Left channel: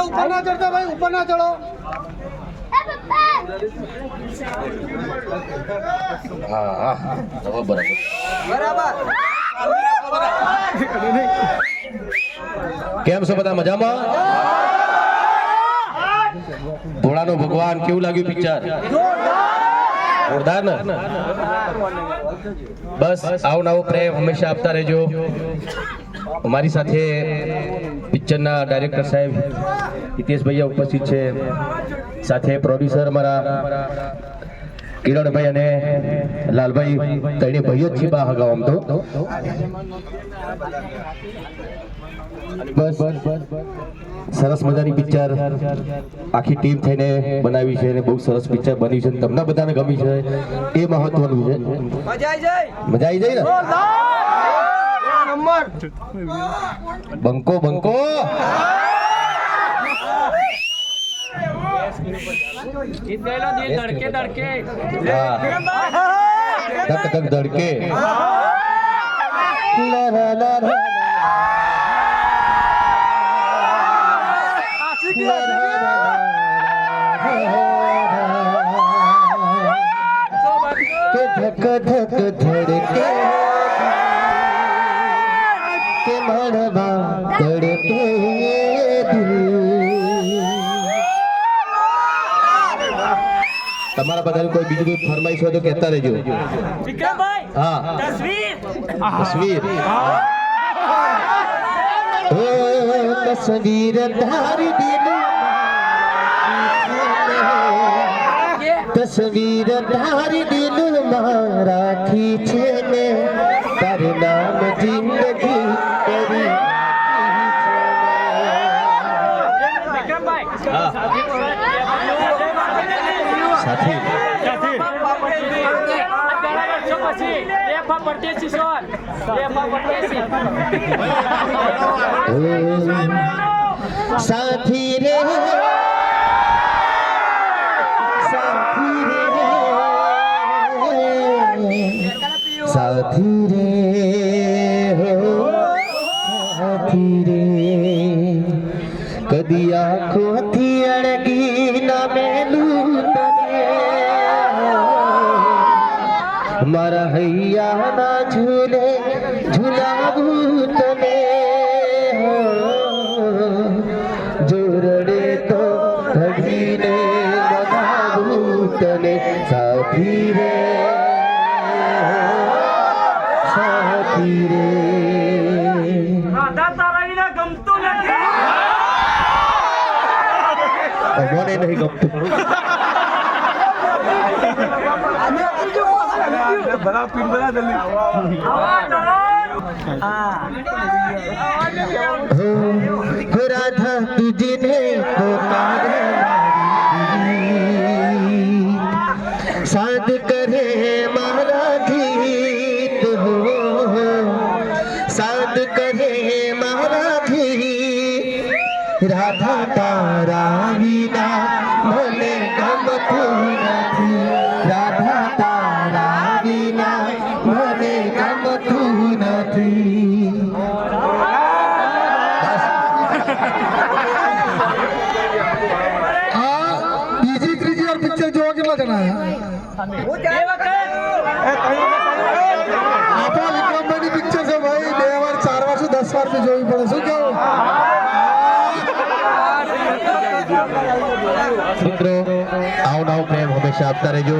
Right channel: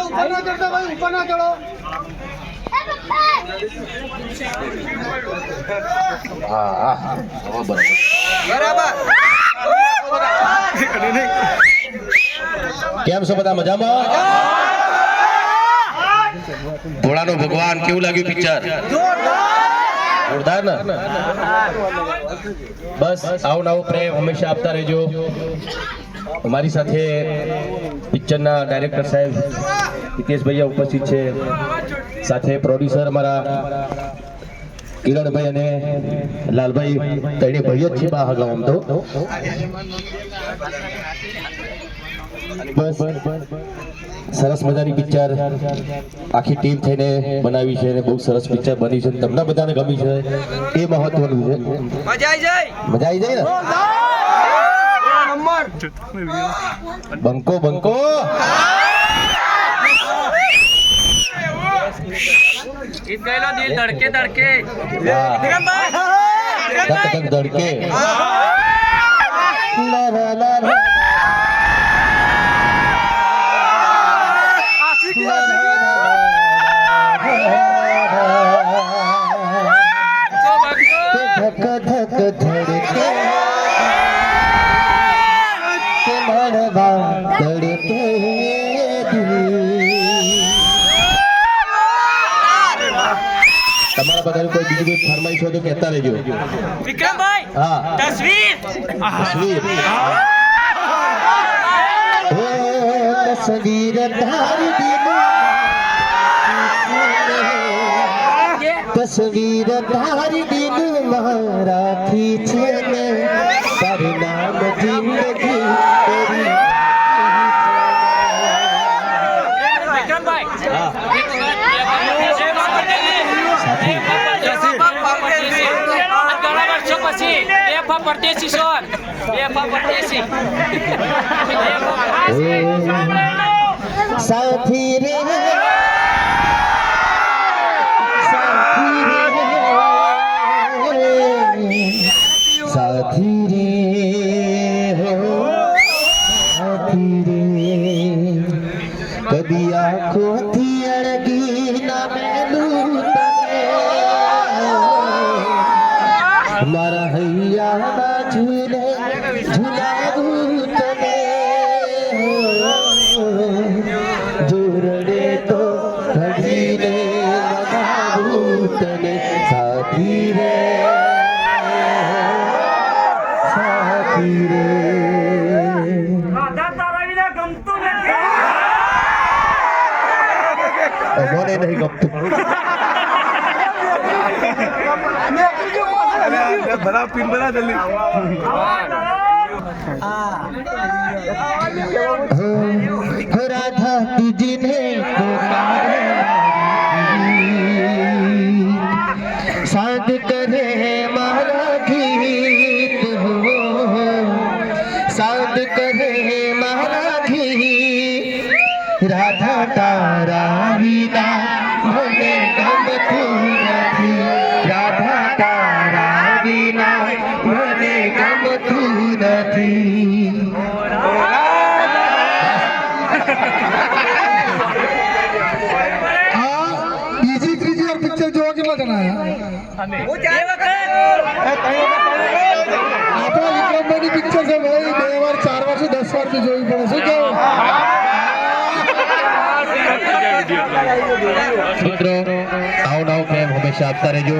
ઉપર ના ચડતા ભાઈ ઉપર ના ચડો હા બરાબર કેમ છો બધા મજામાં? ભોળાનો ભગવાન, કેવું લાગ્યું પિક્ચર ને બસ, આવો નવો પ્રેમ હંમેશા આપતા રહેજો. અમારી સાથે પિક્ચરના ડાયરેક્ટર સાહેબ હિતેશભાઈ ઉપસ્થિત છે. સાથે પ્રોડ્યુસર અમારા કિરણભાઈ અને લાલભાઈ ત્રણે ભાઈઓ જ છે બા હગાવ આમ તો. બસ સરસ મજાની પિક્ચર આખી ટીમ થઈને બનાવી છે અને બહુ સરસ પિક્ચર બની છે તમને બધાને ગમી છે. એ મહત્વનું છે. મજા આવી જાય. ને? બંકો બંકો. ગીત ગાયલો દિલ ધડકે ધડકે. ધક ધક ધડકે. ધક ધક ધડકે. તમારા બધાનું કોઈ બીજું કોઈ ફરમાઈશ હોય તો કહેતા રહેજો. વિક્રમભાઈ હા. તસવીર. તસવીર. ઓ તસવીર ધારી દિલ તસવીર ધારી દિલ રાખી છે ને. તારું નામ જિંદગી કરી વિક્રમભાઈ હા. એક વખત બે બાપા જય બાપા સાથી. જય બાપા પરદેશી. આજ ઘણા વર્ષો પછી બે ફા પરદેશી સોન. બે ફા પરદેશી. સાથી રે. સાથી રે. સાથી રે. મારા હૈયાના ઝૂલે ઝુલાવું તને જોરડે તો ઘડીને લગાવું તને સાથી રે સાથી રે મને महाराधी से महाराधी राधा त આપણા વિક્રમભાઈની પિક્ચર છે ભાઈ, બે વાર, ચાર વાર દસ વાર જોવી પડે. શું કેવું? મિત્રો, આવું નવું પ્રેમ હંમેશા આપતા રહેજો.